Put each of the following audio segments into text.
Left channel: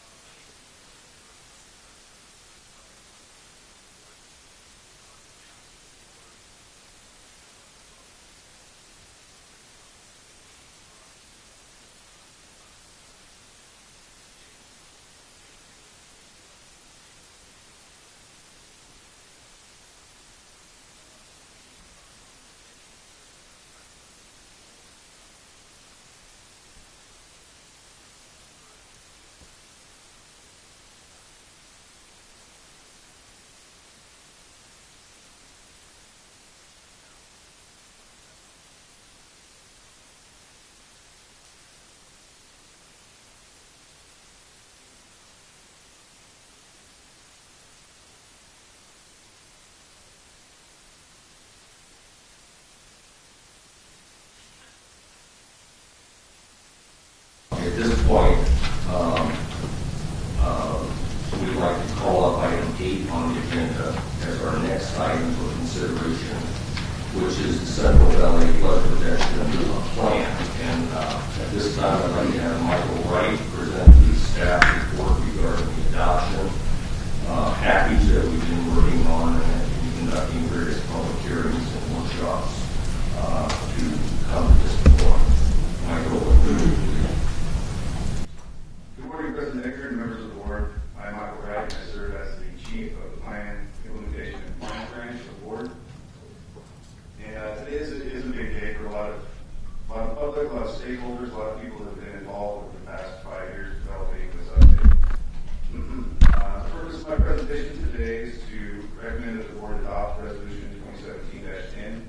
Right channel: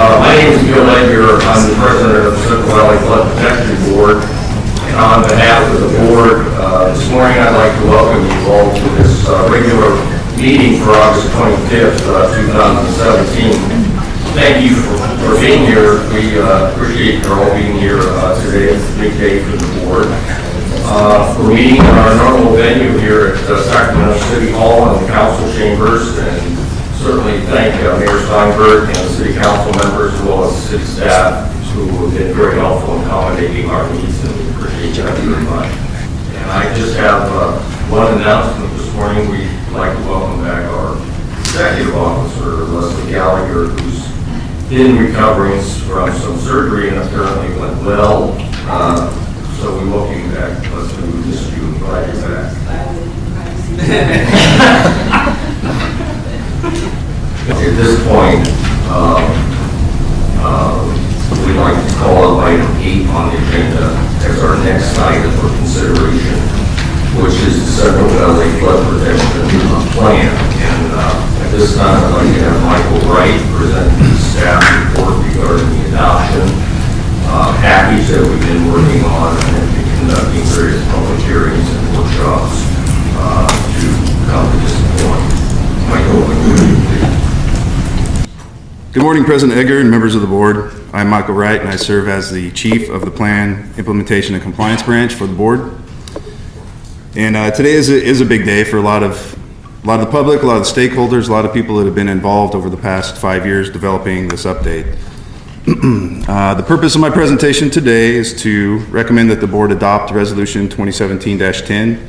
My name is Edgar. I'm the president of the Central Valley Flood Protection Board. And on behalf of the board, this morning I'd like to welcome you all to this regular meeting for August 25th, 2017. Thank you for being here. We appreciate you all being here today. It's a big day for the board. We're meeting in our normal venue here at Sacramento City Hall and the council chambers, and certainly thank Mayor Steinberg and the city council members as well as the city staff who have been very helpful in accommodating our needs, and we appreciate that very much. And I just have one announcement this morning. We'd like to welcome back our executive officer, Leslie Gallagher, who's been recovering from some surgery and apparently went well. So we welcome you back. Leslie, we miss you and glad you're back. At this point, we'd like to call up item 8 on the agenda as our next item for consideration, which is the Central Valley Flood Protection Plan. And at this time, I'd like to have Michael Wright present the staff report regarding the adoption package that we've been working on and been conducting various public hearings and workshops to come to this point. Michael, please. Good morning, President Edgar and members of the board. I'm Michael Wright, and I serve as the Chief of the Plan Implementation and Compliance Branch for the board. And today is a big day for a lot of the public, a lot of the stakeholders, a lot of people that have been involved over the past 5 years developing this update. The purpose of my presentation today is to recommend that the board adopt Resolution 2017-10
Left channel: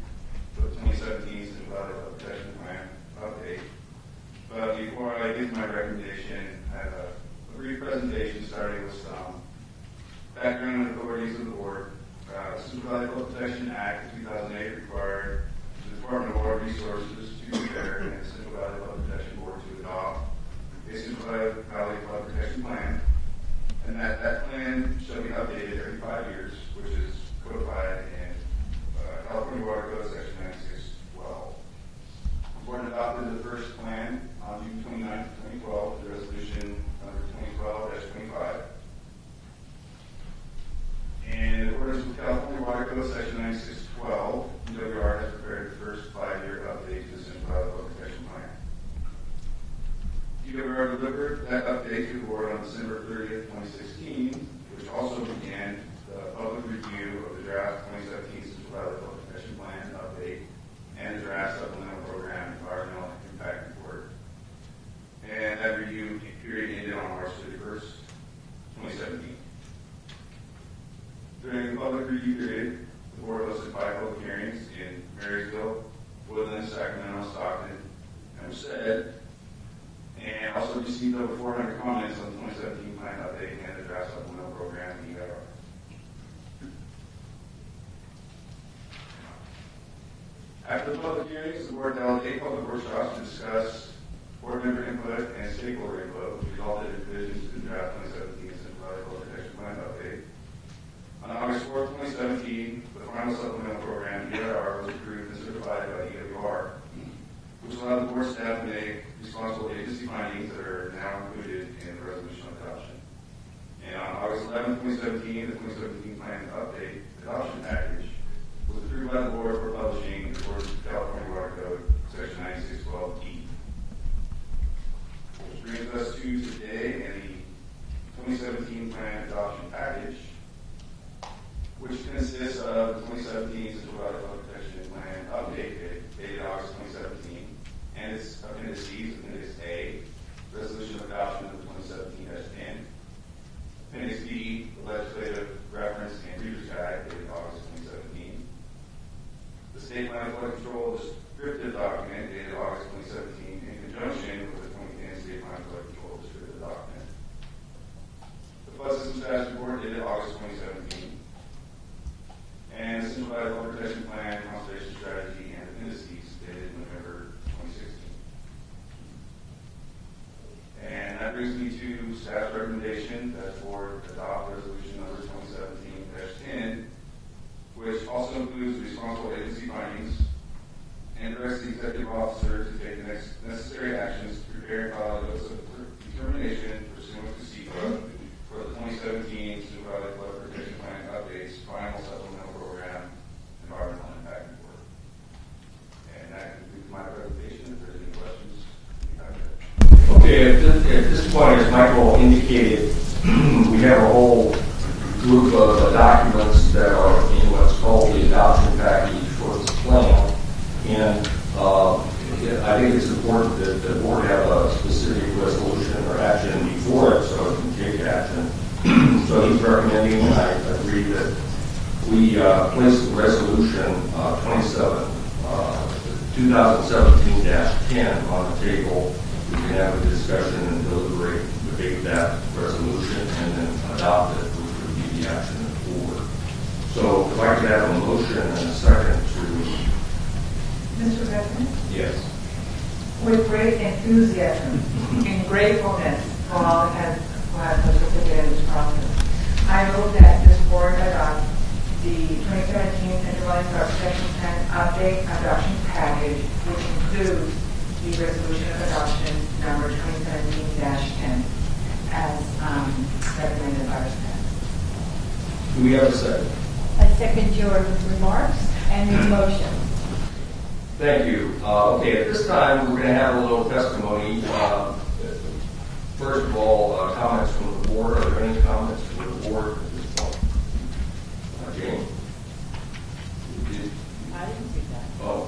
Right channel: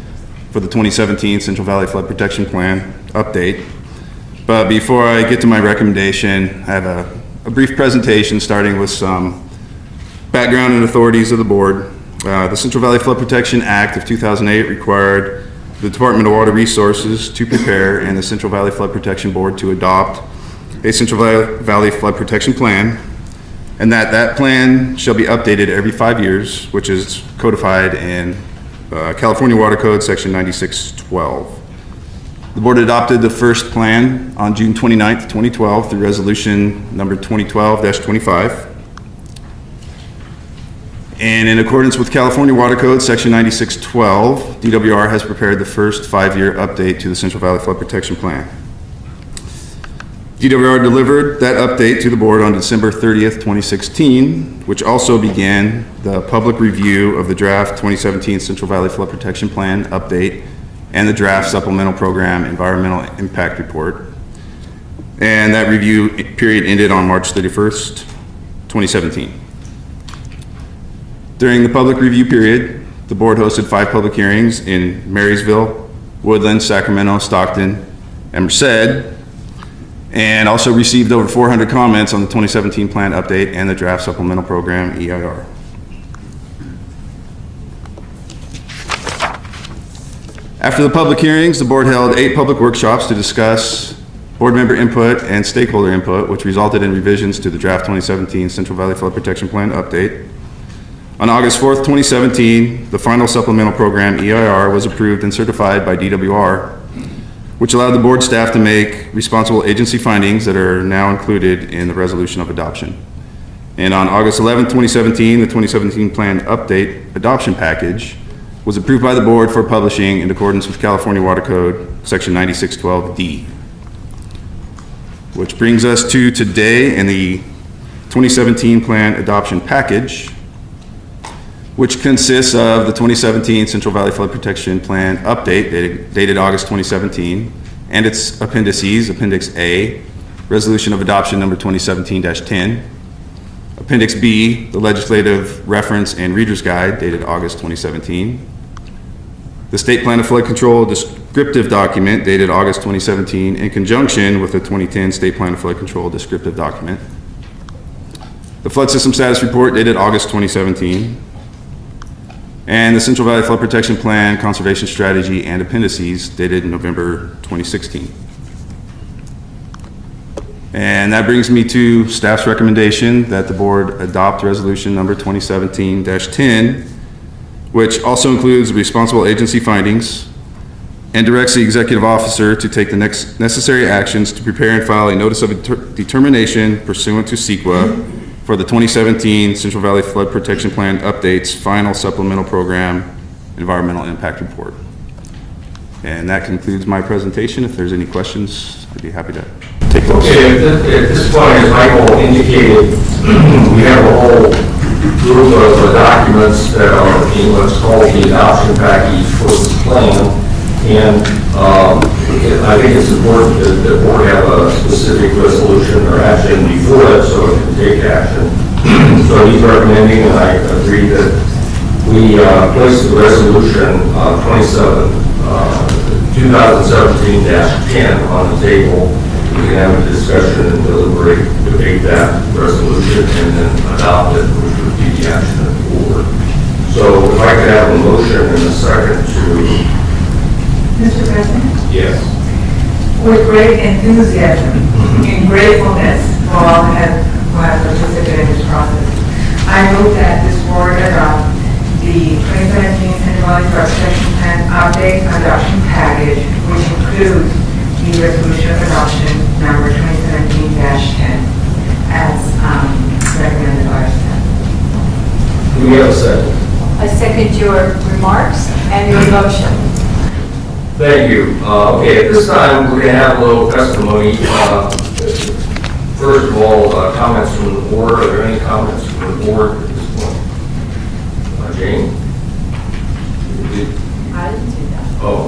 for the 2017 Central Valley Flood Protection Plan update. But before I get to my recommendation, I have a brief presentation starting with some background and authorities of the board. The Central Valley Flood Protection Act of 2008 required the Department of Water Resources to prepare and the Central Valley Flood Protection Board to adopt a Central Valley Flood Protection Plan, and that plan shall be updated every 5 years, which is codified in California Water Code section 9612. The board adopted the first plan on June 29th, 2012 through resolution number 2012-25. And in accordance with California Water Code section 9612, DWR has prepared the first 5-year update to the Central Valley Flood Protection Plan. DWR delivered that update to the board on December 30th, 2016, which also began the public review of the draft 2017 Central Valley Flood Protection Plan update and the draft supplemental program environmental impact report. And that review period ended on March 31st, 2017. During the public review period, the board hosted 5 public hearings in Marysville, Woodland, Sacramento, Stockton, and Merced, and also received over 400 comments on the 2017 plan update and the draft supplemental program EIR. After the public hearings, the board held 8 public workshops to discuss board member input and stakeholder input, which resulted in revisions to the draft 2017 Central Valley Flood Protection Plan update. On August 4th, 2017, the final supplemental program EIR was approved and certified by DWR, which allowed the board staff to make responsible agency findings that are now included in the resolution of adoption. And on August 11th, 2017, the 2017 plan update adoption package was approved by the board for publishing in accordance with California Water Code section 9612D. Which brings us to today in the 2017 plan adoption package, which consists of the 2017 Central Valley Flood Protection Plan update dated August 2017 and its appendices, Appendix A, Resolution of Adoption number 2017-10, Appendix B, the Legislative Reference and Reader's Guide dated August 2017, the State Plan of Flood Control descriptive document dated August 2017 in conjunction with the 2010 State Plan of Flood Control descriptive document, the Flood System Status Report dated August 2017, and the Central Valley Flood Protection Plan Conservation Strategy and Appendices dated November 2016. And that brings me to staff's recommendation that the board adopt resolution number 2017-10, which also includes responsible agency findings, and directs the executive officer to take the next necessary actions to prepare and file a notice of determination pursuant to CEQA for the 2017 Central Valley Flood Protection Plan updates final supplemental program environmental impact report. And that concludes my presentation. If there's any questions, I'd be happy to take those. Okay, at this point, as Michael indicated, we have a whole group of documents that are in what's called the adoption package for the plan. And I think it's important that the board have a specific resolution or action before it so it can take action. So he's recommending, and I agree, that we place the resolution 2017-10 on the table. We can have a discussion and deliberate, debate that resolution, and then adopt it, which would be the action of the board. So if I could have a motion in a second to... Mr. President, Yes. with great enthusiasm and gratefulness for all who have participated in this process, I move that this board adopt the 2017 Central Valley Flood Protection Plan update adoption package, which includes the resolution of adoption number 2017-10 as recommended by our staff. Do we have a second? I second your remarks and your motion. Thank you. Okay, at this time, we're going to have a little testimony. First of all, comments from the board. Are there any comments from the board at this point? Jane? I didn't do that. Oh.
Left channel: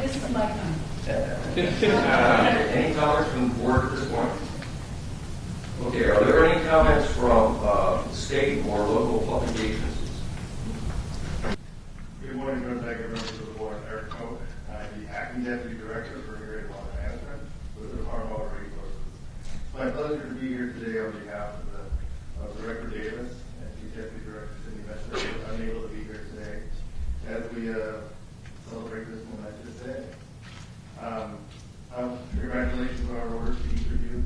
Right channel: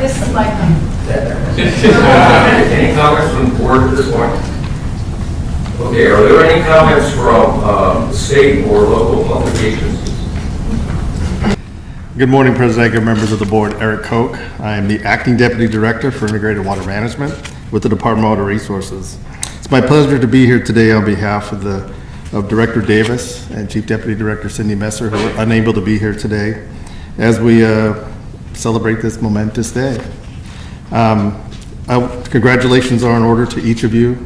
This is my comment. Any comments from the board at this point? Okay, are there any comments from state or local public agencies? Good morning, President Edgar, members of the board. Eric Koch. I am the Acting Deputy Director for Integrated Water Management with the Department of Water Resources. It's my pleasure to be here today on behalf of Director Davis and Chief Deputy Director Cindy Messer, who are unable to be here today, as we celebrate this momentous day. Congratulations are in order to each of you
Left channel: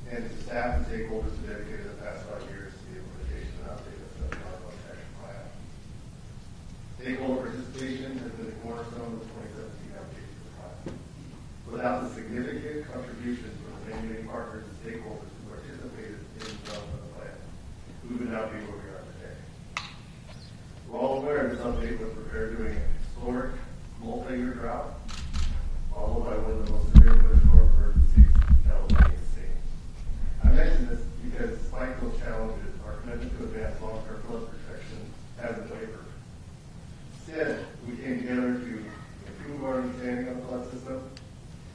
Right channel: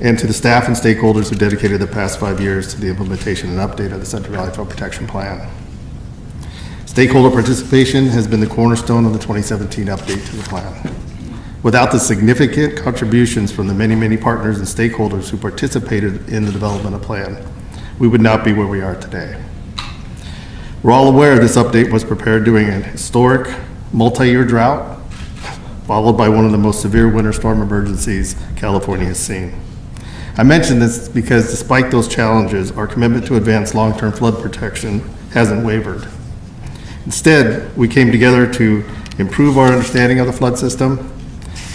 and to the staff and stakeholders who dedicated the past 5 years to the implementation and update of the Central Valley Flood Protection Plan. Stakeholder participation has been the cornerstone of the 2017 update to the plan. Without the significant contributions from the many, many partners and stakeholders who participated in the development of the plan, we would not be where we are today. We're all aware this update was prepared during a historic multi-year drought, followed by one of the most severe winter storm emergencies California has seen. I mention this because despite those challenges, our commitment to advance long-term flood protection hasn't wavered. Instead, we came together to improve our understanding of the flood system.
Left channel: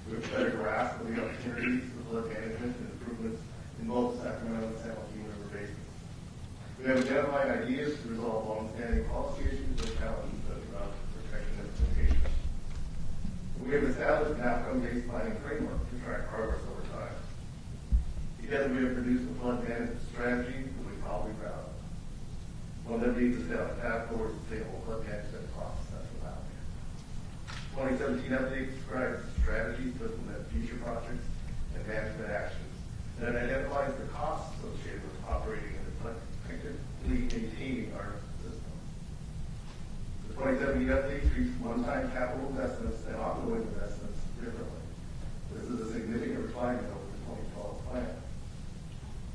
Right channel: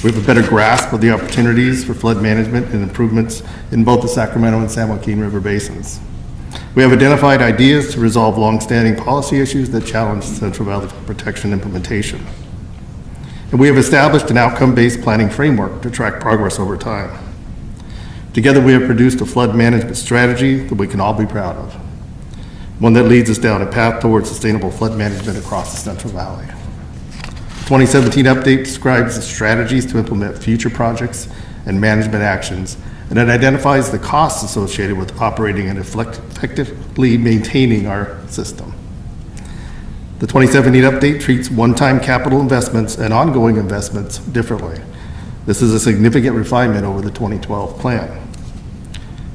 We have a better grasp of the opportunities for flood management and improvements in both the Sacramento and San Joaquin River basins. We have identified ideas to resolve long-standing policy issues that challenge Central Valley protection implementation. And we have established an outcome-based planning framework to track progress over time. Together, we have produced a flood management strategy that we can all be proud of, one that leads us down a path towards sustainable flood management across the Central Valley. The 2017 update describes the strategies to implement future projects and management actions, and it identifies the costs associated with operating and effectively maintaining our system. The 2017 update treats one-time capital investments and ongoing investments differently. This is a significant refinement over the 2012 plan.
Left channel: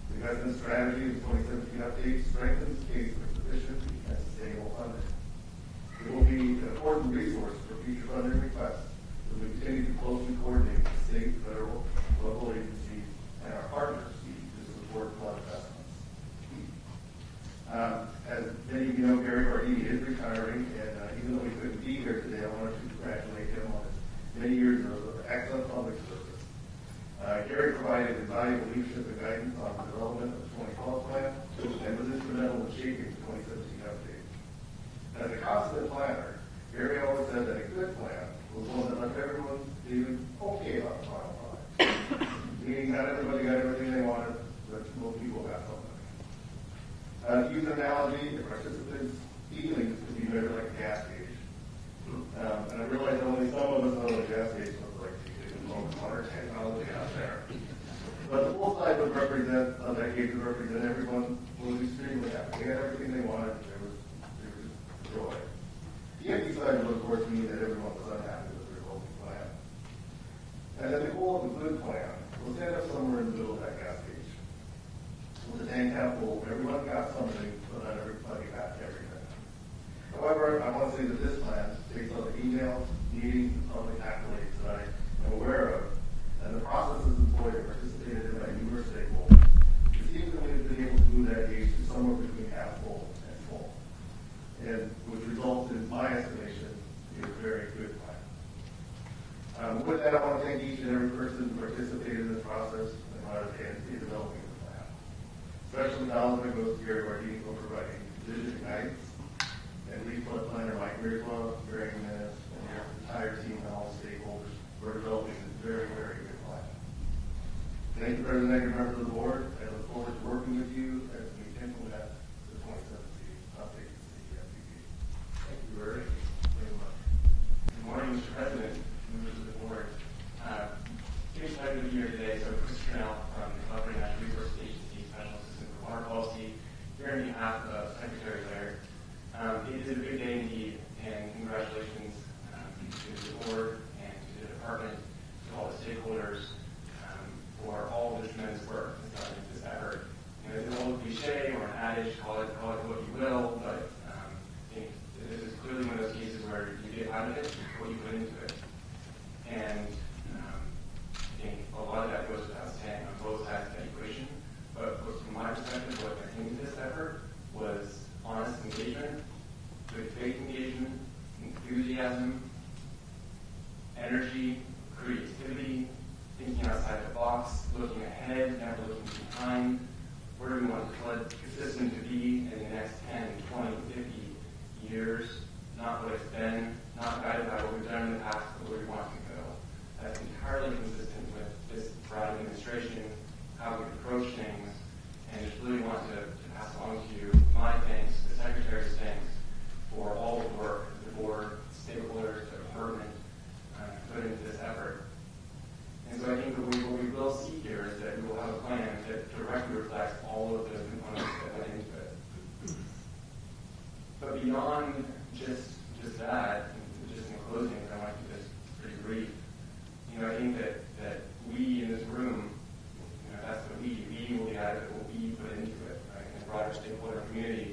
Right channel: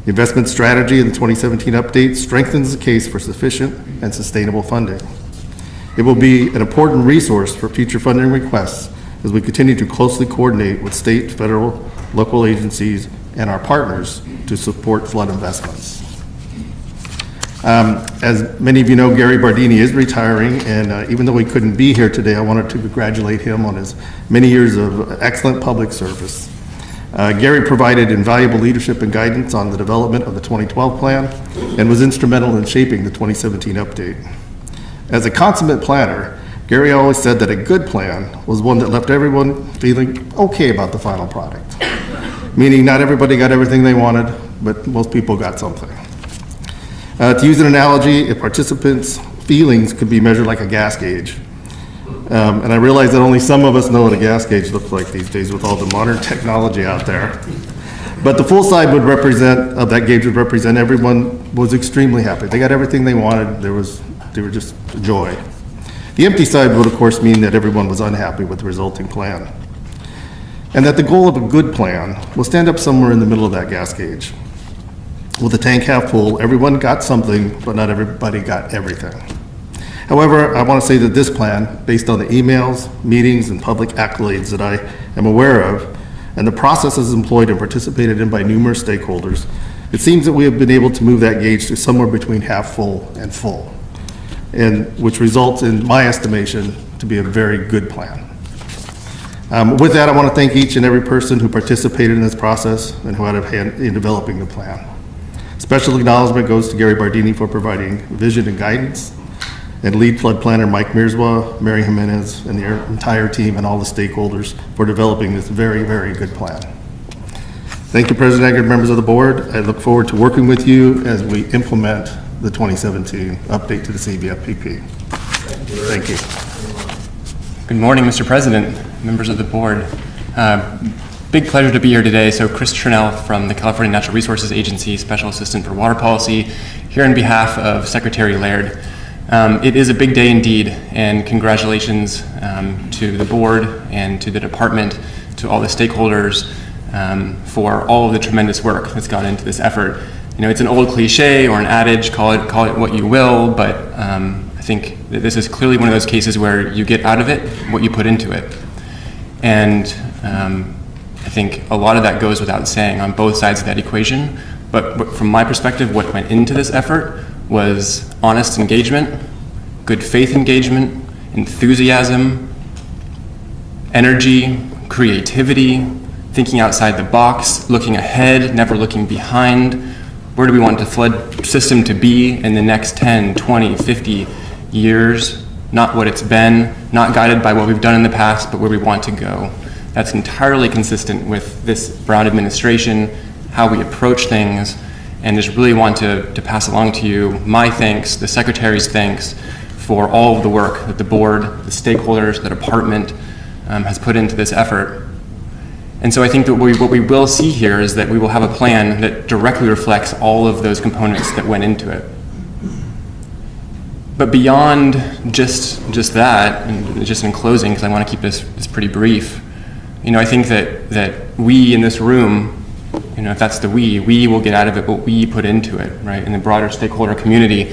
The investment strategy in the 2017 update strengthens the case for sufficient and sustainable funding. It will be an important resource for future funding requests as we continue to closely coordinate with state, federal, local agencies, and our partners to support flood investments. As many of you know, Gary Bardini is retiring, and even though he couldn't be here today, I wanted to congratulate him on his many years of excellent public service. Gary provided invaluable leadership and guidance on the development of the 2012 plan and was instrumental in shaping the 2017 update. As a consummate planner, Gary always said that a good plan was one that left everyone feeling okay about the final product, meaning not everybody got everything they wanted, but most people got something. To use an analogy, a participant's feelings could be measured like a gas gauge. And I realize that only some of us know what a gas gauge looks like these days with all the modern technology out there. But the full side of that gauge would represent everyone was extremely happy. They got everything they wanted. They were just joy. The empty side would, of course, mean that everyone was unhappy with the resulting plan, and that the goal of a good plan will stand up somewhere in the middle of that gas gauge. With the tank half full, everyone got something, but not everybody got everything. However, I want to say that this plan, based on the emails, meetings, and public accolades that I am aware of, and the processes employed and participated in by numerous stakeholders, it seems that we have been able to move that gauge to somewhere between half full and full, and which results in my estimation to be a very good plan. With that, I want to thank each and every person who participated in this process and who had a hand in developing the plan. Special acknowledgement goes to Gary Bardini for providing vision and guidance, and lead flood planner Mike Mearswa, Mary Jimenez, and their entire team and all the stakeholders for developing this very, very good plan. Thank you, President Edgar, members of the board. I look forward to working with you as we implement the 2017 update to the CVFPP. Thank you. Good morning, Mr. President, members of the board. Big pleasure to be here today. So Chris Chernell from the California Natural Resources Agency, Special Assistant for Water Policy, here on behalf of Secretary Laird. It is a big day indeed, and congratulations to the board and to the department, to all the stakeholders for all of the tremendous work that's gone into this effort. You know, it's an old cliche or an adage, call it what you will, but I think that this is clearly one of those cases where you get out of it what you put into it. And I think a lot of that goes without saying on both sides of that equation, but from my perspective, what went into this effort was honest engagement, good faith engagement, enthusiasm, energy, creativity, thinking outside the box, looking ahead, never looking behind. Where do we want the flood system to be in the next 10, 20, 50 years? Not what it's been, not guided by what we've done in the past, but where we want to go. That's entirely consistent with this Brown administration, how we approach things, and just really want to pass along to you my thanks, the Secretary's thanks, for all of the work that the board, the stakeholders, the department has put into this effort. And so I think that what we will see here is that we will have a plan that directly reflects all of those components that went into it. But beyond just that, and just in closing, because I want to keep this pretty brief, you know, I think that we in this room, you know, if that's the we will get out of it what we put into it, right, in the broader stakeholder community.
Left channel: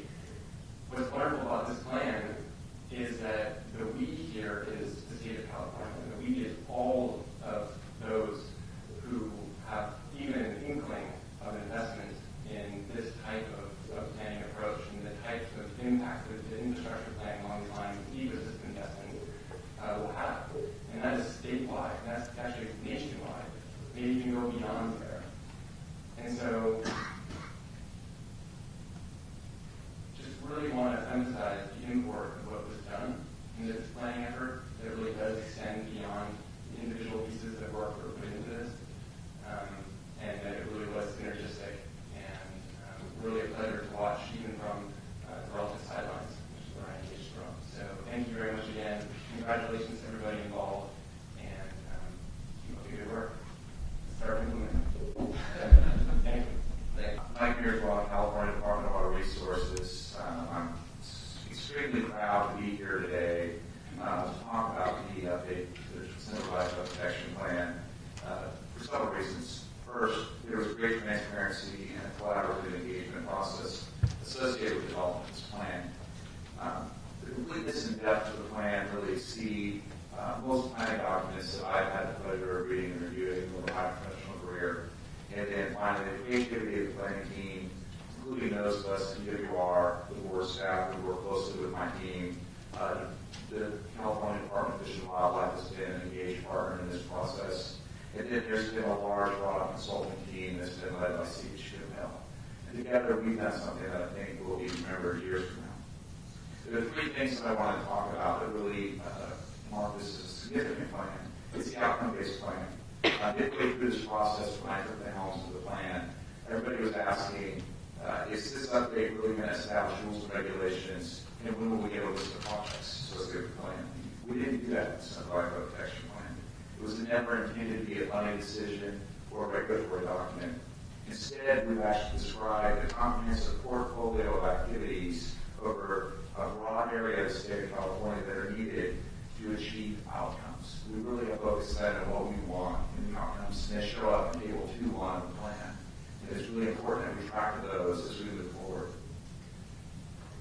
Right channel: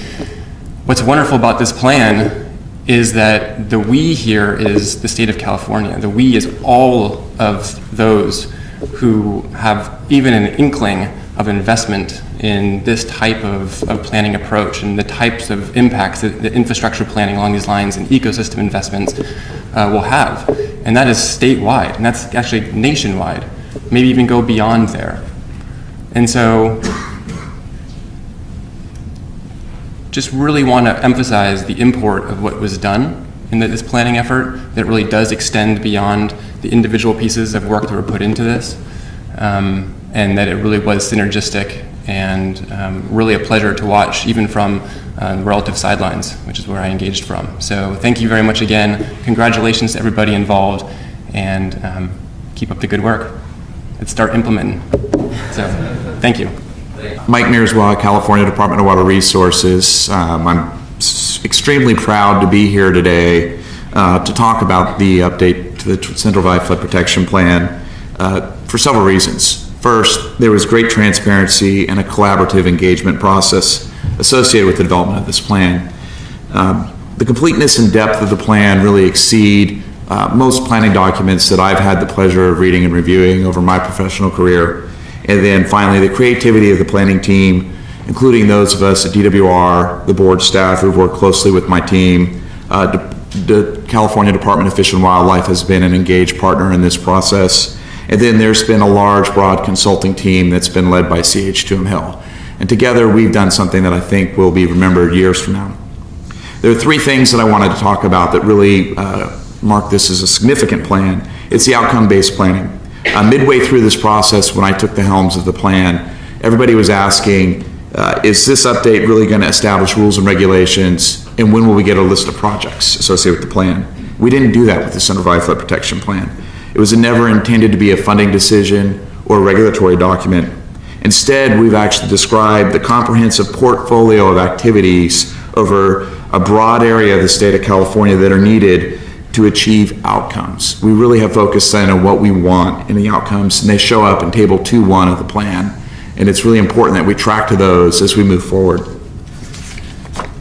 What's wonderful about this plan is that the we here is the state of California. The we is all of those who have even an inkling of investment in this type of planning approach and the types of impacts that the infrastructure planning along these lines and ecosystem investments will have. And that is statewide, and that's actually nationwide, maybe even go beyond there. And so just really want to emphasize the import of what was done in this planning effort that really does extend beyond the individual pieces of work that were put into this, and that it really was synergistic and really a pleasure to watch, even from the relative sidelines, which is where I engaged from. So thank you very much again. Congratulations to everybody involved, and keep up the good work. Let's start implementing. So thank you. Mike Mearswa, California Department of Water Resources. I'm extremely proud to be here today to talk about the update to the Central Valley Flood Protection Plan for several reasons. First, there was great transparency and a collaborative engagement process associated with the development of this plan. The completeness and depth of the plan really exceed most planning documents that I've had the pleasure of reading and reviewing over my professional career. And then finally, the creativity of the planning team, including those of us at DWR, the board staff who've worked closely with my team. The California Department of Fish and Wildlife has been an engaged partner in this process. And then there's been a large, broad consulting team that's been led by CH2M Hill. And together we've done something that I think will be remembered years from now. There are three things that I wanted to talk about that really mark this as a significant plan. It's the outcome-based planning. Midway through this process, when I took the helms of the plan, everybody was asking, is this update really going to establish rules and regulations, and when will we get a list of projects associated with the plan? We didn't do that with the Central Valley Flood Protection Plan. It was never intended to be a funding decision or a regulatory document. Instead, we've actually described the comprehensive portfolio of activities over a broad area of the state of California that are needed to achieve outcomes. We really have focused on what we want in the outcomes, and they show up in Table 2.1 of the plan. And it's really important that we track to those as we move forward.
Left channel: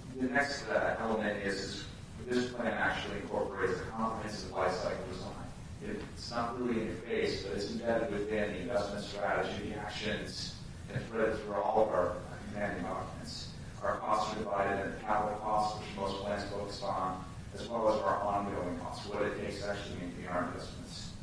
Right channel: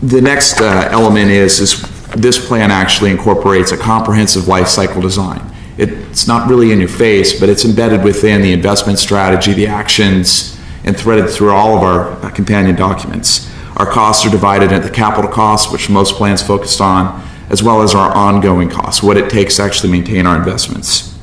The next element is this plan actually incorporates a comprehensive life cycle design. It's not really in your face, but it's embedded within the investment strategy, the actions, and threaded through all of our companion documents. Our costs are divided into capital costs, which most plans focused on, as well as our ongoing costs, what it takes to actually maintain our investments.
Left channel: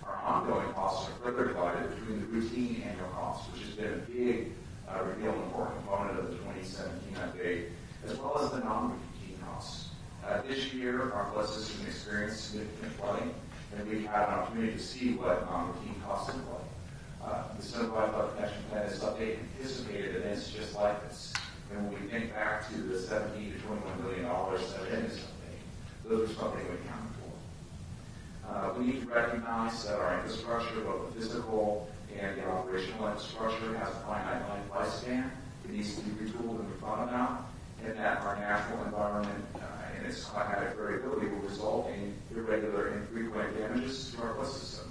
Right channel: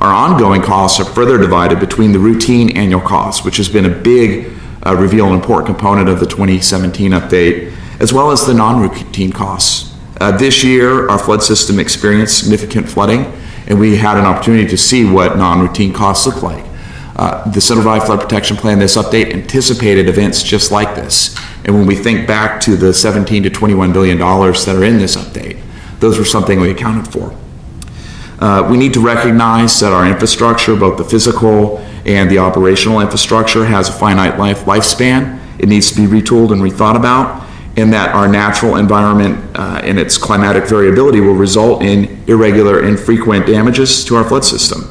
Our ongoing costs are further divided between the routine annual costs, which has been a big reveal and important component of the 2017 update, as well as the non-routine costs. This year, our flood system experienced significant flooding, and we had an opportunity to see what non-routine costs look like. The Central Valley Flood Protection Plan, this update anticipated events just like this. And when we think back to the $17 to $21 billion that are in this update, those were something we accounted for. We need to recognize that our infrastructure, both the physical and the operational infrastructure, has a finite lifespan. It needs to be retooled and rethought about, and that our natural environment and its climatic variability will result in irregular and frequent damages to our flood system.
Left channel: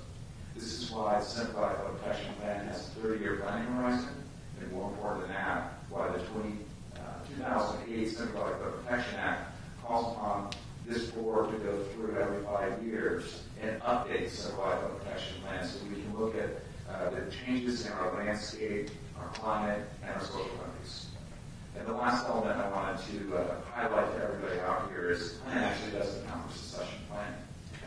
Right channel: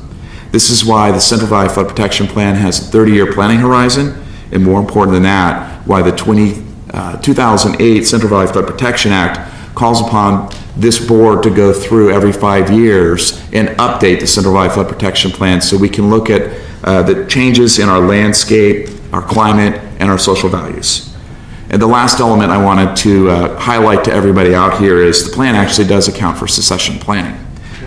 This is why the Central Valley Flood Protection Plan has a 30-year planning horizon, and more important than that, why the 2008 Central Valley Flood Protection Act calls upon this board to go through every 5 years and update the Central Valley Flood Protection Plan so we can look at the changes in our landscape, our climate, and our social values. And the last element I wanted to highlight to everybody out here is the plan actually does account for succession planning,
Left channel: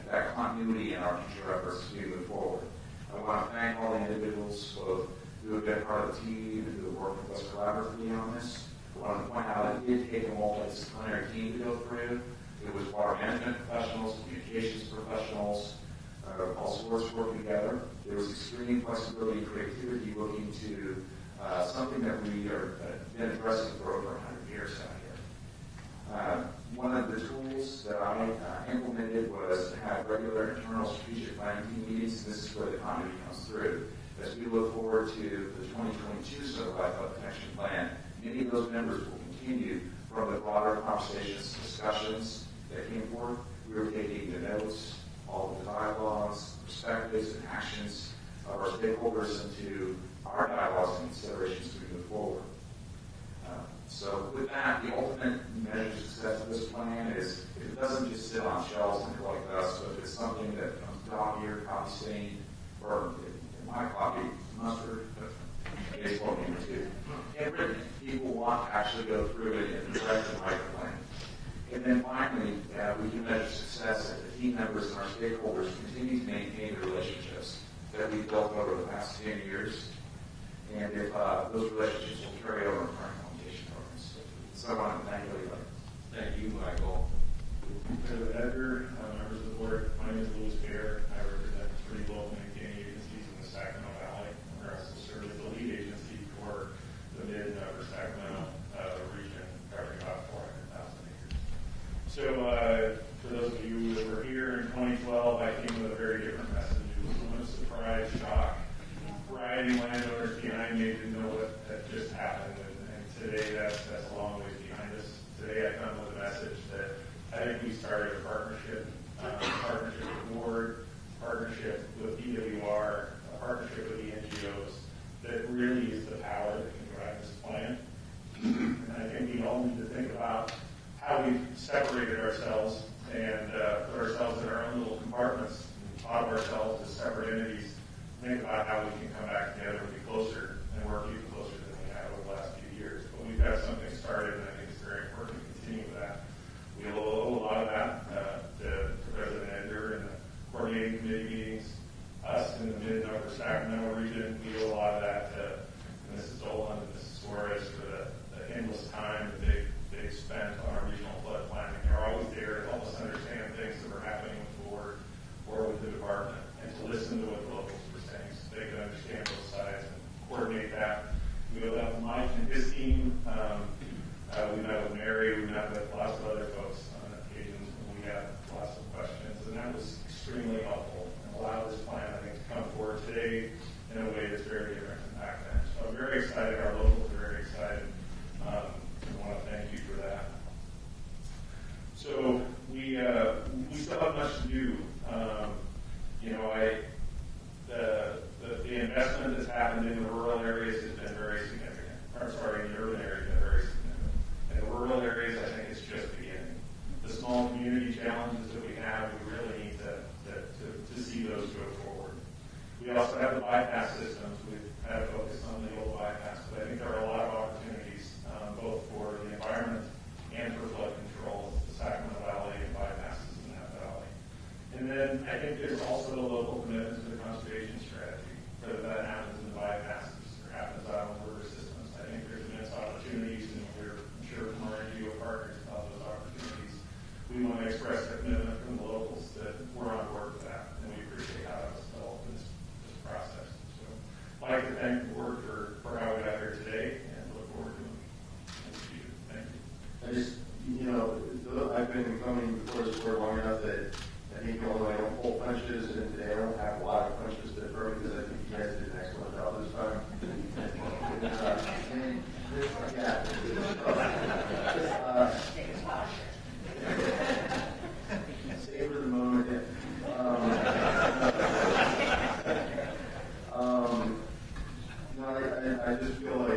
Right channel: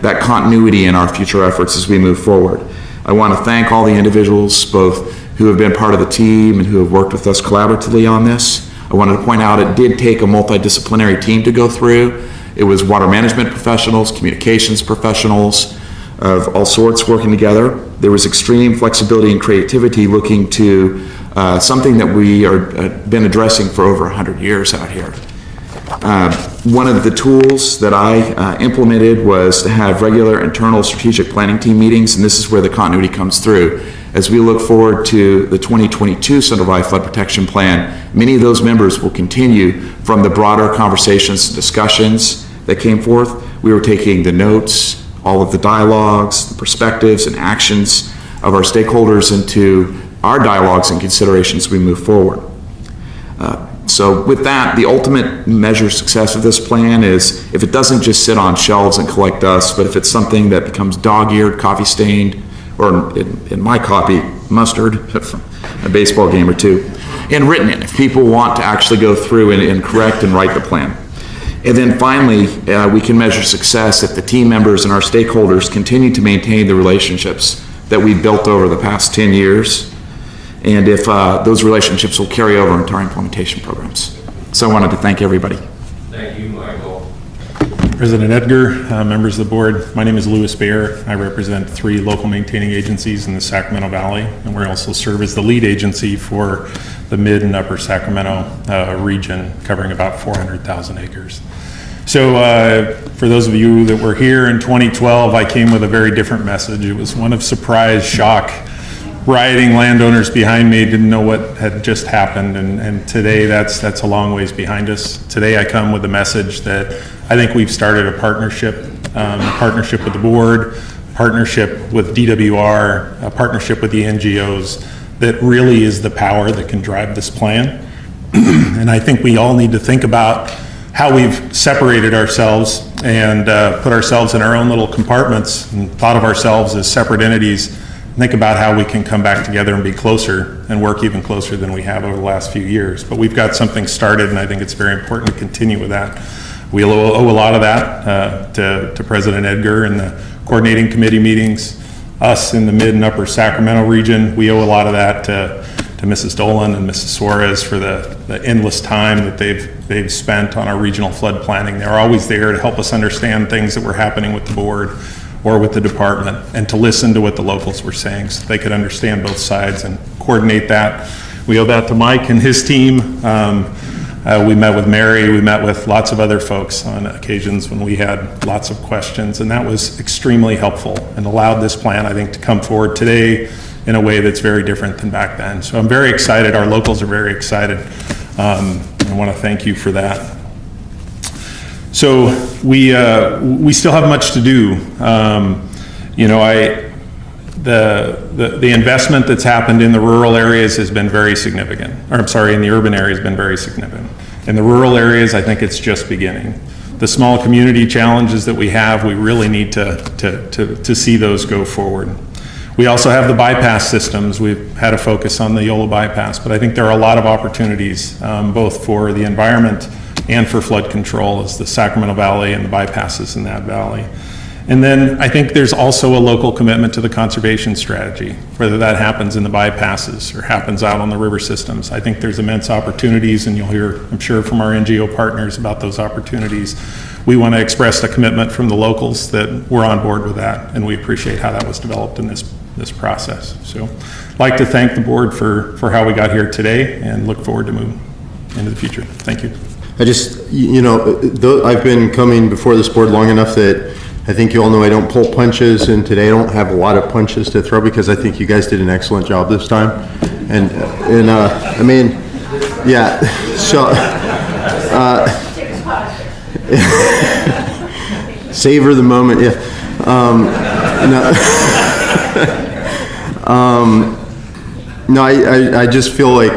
that continuity in our future efforts as we move forward. I want to thank all the individuals, both who have been part of the team and who have worked with us collaboratively on this. I wanted to point out it did take a multidisciplinary team to go through. It was water management professionals, communications professionals of all sorts working together. There was extreme flexibility and creativity looking to something that we have been addressing for over 100 years out here. One of the tools that I implemented was to have regular internal strategic planning team meetings, and this is where the continuity comes through. As we look forward to the 2022 Central Valley Flood Protection Plan, many of those members will continue from the broader conversations and discussions that came forth. We were taking the notes, all of the dialogues, the perspectives and actions of our stakeholders into our dialogues and considerations as we move forward. So with that, the ultimate measure of success of this plan is if it doesn't just sit on shelves and collect dust, but if it's something that becomes dog-eared, coffee-stained, or in my copy, mustard, from a baseball game or two, and written in, if people want to actually go through and correct and write the plan. And then finally, we can measure success if the team members and our stakeholders continue to maintain the relationships that we've built over the past 10 years, and if those relationships will carry over into our implementation programs. So I wanted to thank everybody. Thank you, Michael. President Edgar, members of the board, my name is Louis Baer. I represent 3 local maintaining agencies in the Sacramento Valley, and we also serve as the lead agency for the mid and upper Sacramento region, covering about 400,000 acres. So for those of you that were here in 2012, I came with a very different message. It was one of surprise, shock. Rioting landowners behind me didn't know what had just happened, and today that's a long ways behind us. Today I come with a message that I think we've started a partnership with the board, partnership with DWR, a partnership with the NGOs that really is the power that can drive this plan. And I think we all need to think about how we've separated ourselves and put ourselves in our own little compartments and thought of ourselves as separate entities. Think about how we can come back together and be closer and work even closer than we have over the last few years. But we've got something started, and I think it's very important to continue with that. We owe a lot of that to President Edgar and the coordinating committee meetings, us in the mid and upper Sacramento region. We owe a lot of that to Mrs. Dolan and Mrs. Suarez for the endless time that they've spent on our regional flood planning. They're always there to help us understand things that were happening with the board or with the department, and to listen to what the locals were saying so they could understand both sides and coordinate that. We owe that to Mike and his team. We met with Mary, we met with lots of other folks on occasions when we had lots of questions, and that was extremely helpful and allowed this plan, I think, to come forward today in a way that's very different than back then. So I'm very excited, our locals are very excited. I want to thank you for that. So we still have much to do. You know, the investment that's happened in the rural areas has been very significant. Or I'm sorry, in the urban areas has been very significant. In the rural areas, I think it's just beginning. The small community challenges that we have, we really need to see those go forward. We also have the bypass systems. We've had a focus on the YOLO bypass, but I think there are a lot of opportunities, both for the environment and for flood control, as the Sacramento Valley and the bypasses in that valley. And then I think there's also a local commitment to the conservation strategy, whether that happens in the bypasses or happens out on the river systems. I think there's immense opportunities, and you'll hear, I'm sure, from our NGO partners about those opportunities. We want to express a commitment from the locals that we're on board with that, and we appreciate how that was developed in this process. So I'd like to thank the board for how we got here today and look forward to moving into the future. Thank you. I just, you know, I've been coming before this board long enough that I think you all know I don't pull punches, and today I don't have a lot of punches to throw because I think you guys did an excellent job this time. And I mean, yeah, so, savor the moment, yeah. No, I just feel like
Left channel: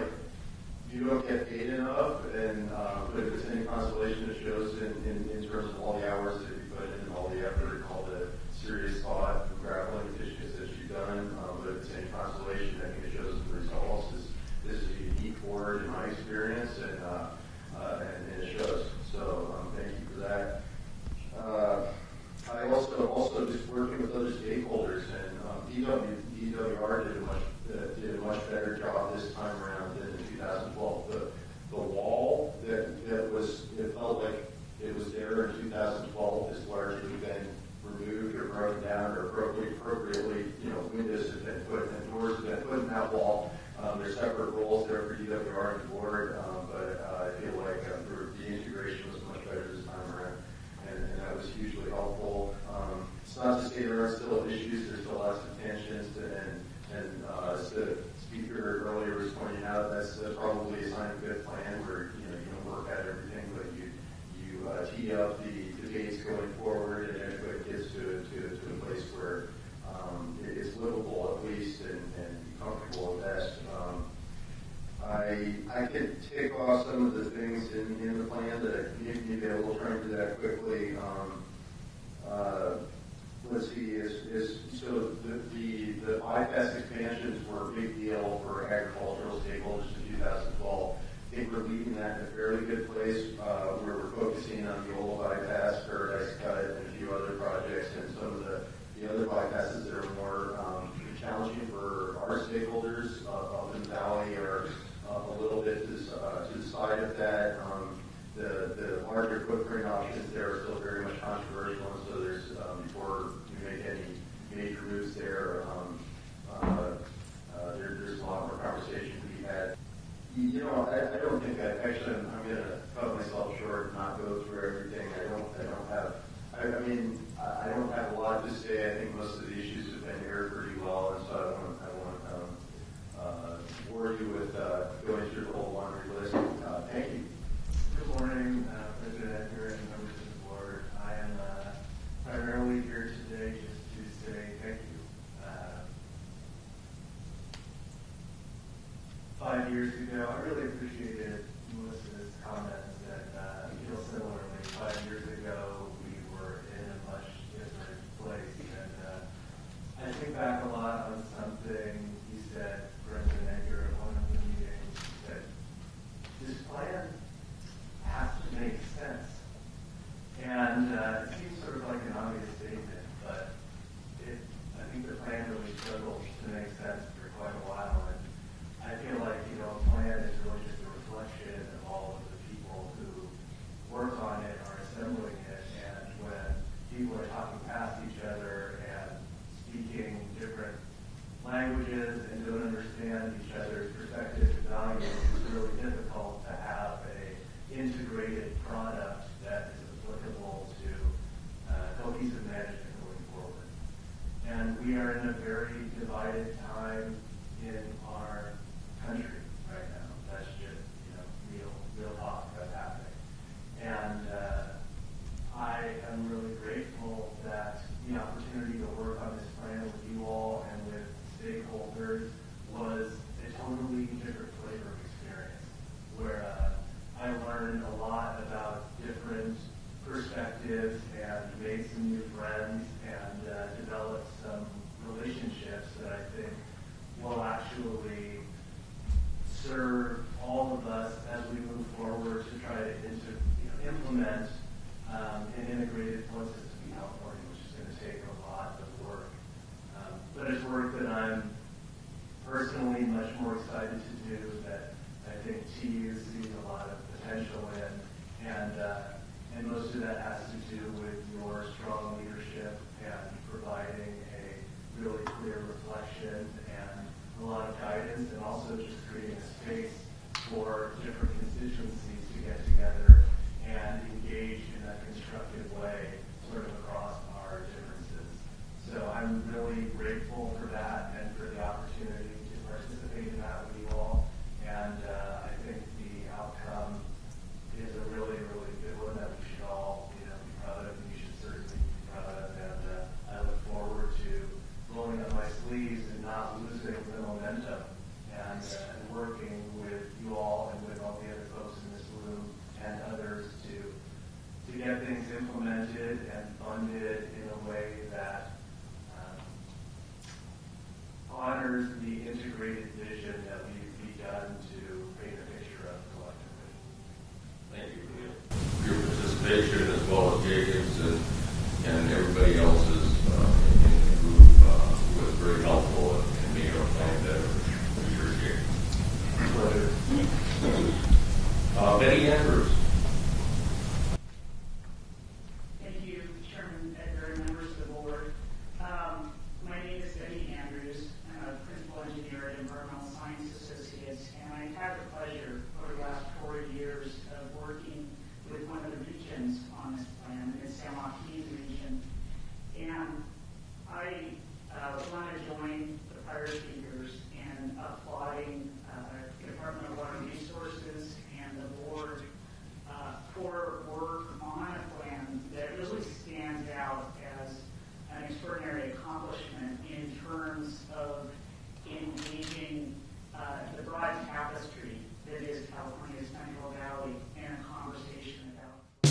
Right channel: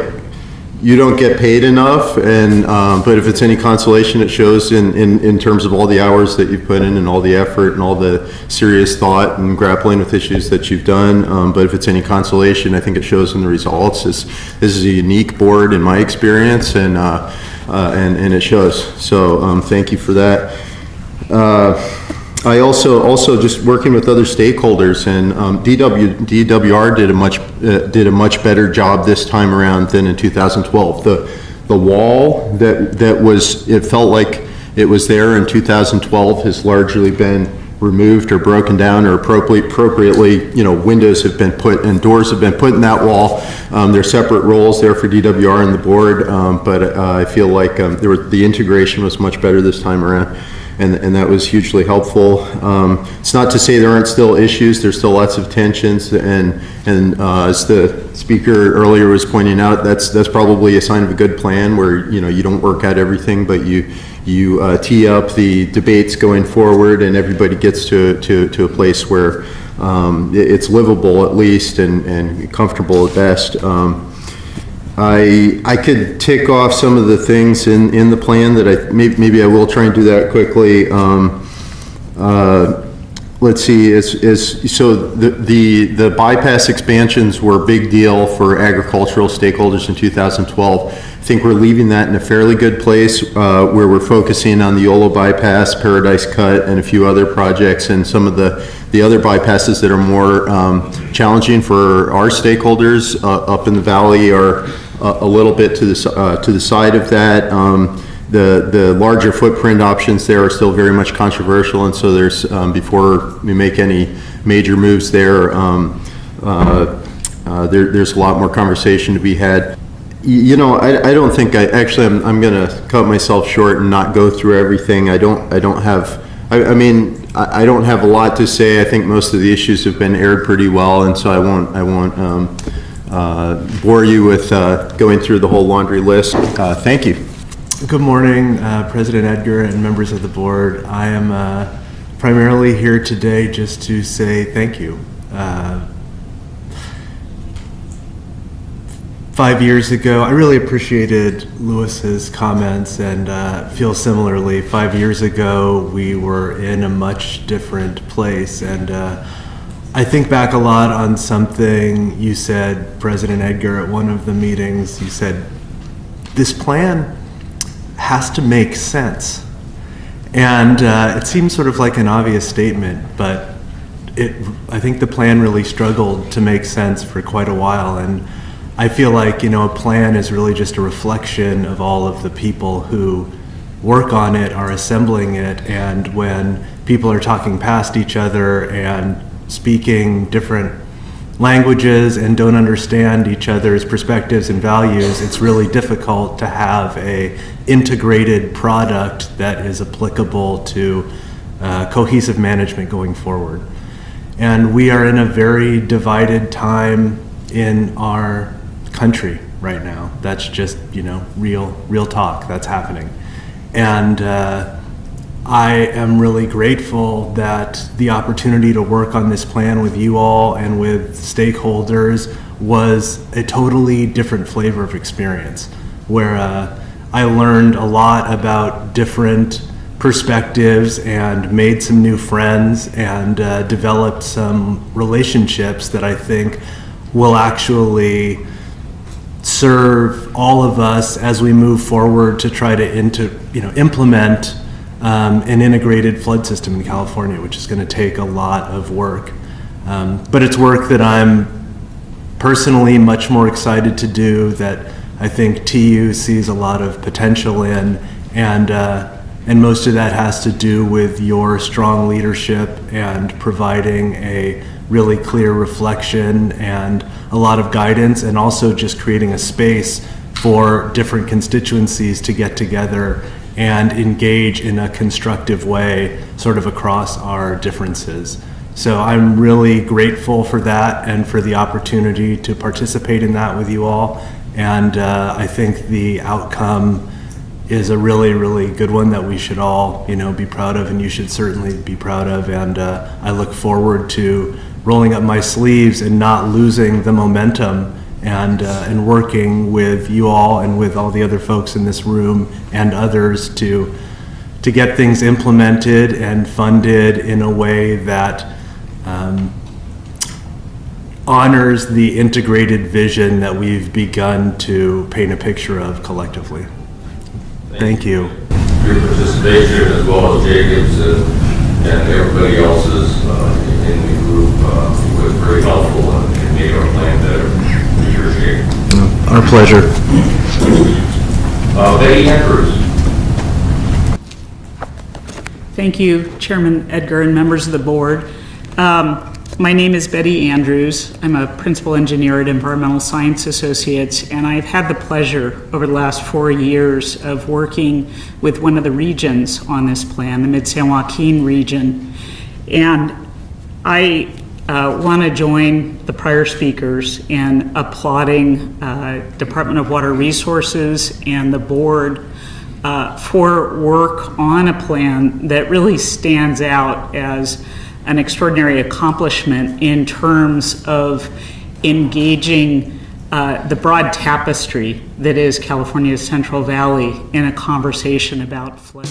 you don't get paid enough, and but if it's any consolation, it shows in terms of all the hours that you've put in and all the effort and all the serious thought and grappling with issues that you've done. But if it's any consolation, I think it shows in the results. This is a unique board in my experience, and it shows. So thank you for that. I also just working with other stakeholders, and DWR did a much better job this time around than in 2012. The wall that was, it felt like it was there in 2012 has largely been removed or broken down, or appropriately, you know, windows have been put and doors have been put in that wall. There are separate roles there for DWR and the board, but I feel like the integration was much better this time around. And that was hugely helpful. It's not to say there aren't still issues. There's still lots of tensions, and as the speaker earlier was pointing out, that's probably a sign of a good plan, where you don't work out everything, but you tee up the debates going forward, and everybody gets to a place where it's livable at least, and comfortable at best. I could tick off some of the things in the plan that maybe I will try and do that quickly. Let's see, so the bypass expansions were a big deal for agricultural stakeholders in 2012. I think we're leaving that in a fairly good place, where we're focusing on the YOLO bypass, Paradise Cut, and a few other projects, and some of the other bypasses that are more challenging for our stakeholders up in the valley are a little bit to the side of that. The larger footprint options there are still very much controversial, and so there's before we make any major moves there, there's a lot more conversation to be had. You know, I don't think I'm going to cut myself short and not go through everything. I don't have a lot to say. I think most of the issues have been aired pretty well, and so I won't bore you with going through the whole laundry list. Thank you. Good morning, President Edgar and members of the board. I am primarily here today just to say thank you. 5 years ago, I really appreciated Lewis's comments, and feel similarly. 5 years ago, we were in a much different place, and I think back a lot on something you said, President Edgar, at one of the meetings. You said, this plan has to make sense. And it seems sort of like an obvious statement, but I think the plan really struggled to make sense for quite a while. And I feel like, a plan is really just a reflection of all of the people who work on it, are assembling it, and when people are talking past each other and speaking different languages and don't understand each other's perspectives and values, it's really difficult to have a integrated product that is applicable to cohesive management going forward. And we are in a very divided time in our country right now. That's just, real talk that's happening. And I am really grateful that the opportunity to work on this plan with you all and with stakeholders was a totally different flavor of experience, where I learned a lot about different perspectives and made some new friends and developed some relationships that I think will actually serve all of us as we move forward to try to implement an integrated flood system in California, which is going to take a lot of work. But it's work that I'm personally much more excited to do, that I think TU sees a lot of potential in, and most of that has to do with your strong leadership and providing a really clear reflection and a lot of guidance, and also just creating a space for different constituencies to get together and engage in a constructive way sort of across our differences. So I'm really grateful for that and for the opportunity to participate in that with you all. And I think the outcome is a really, really good one that we should all, be proud of, and you should certainly be proud of. And I look forward to rolling up my sleeves and not losing the momentum and working with you all and with all the other folks in this room and others to get things implemented and funded in a way that honors the integrated vision that we've begun to paint a picture of collectively. Thank you. Your participation, as well as Jacob's and everybody else's in the group, was very helpful and made our plan better. We appreciate it. Our pleasure. Betty Andrews. Thank you, Chairman Edgar and members of the board. My name is Betty Andrews. I'm a principal engineer at Environmental Science Associates, and I've had the pleasure over the last 4 years of working with one of the regions on this plan, the Mid-San Joaquin region. And I want to join the prior speakers in applauding Department of Water Resources and the board for work on a plan that really stands out as an extraordinary accomplishment in terms of engaging the broad tapestry that is California's Central Valley in a conversation about flood.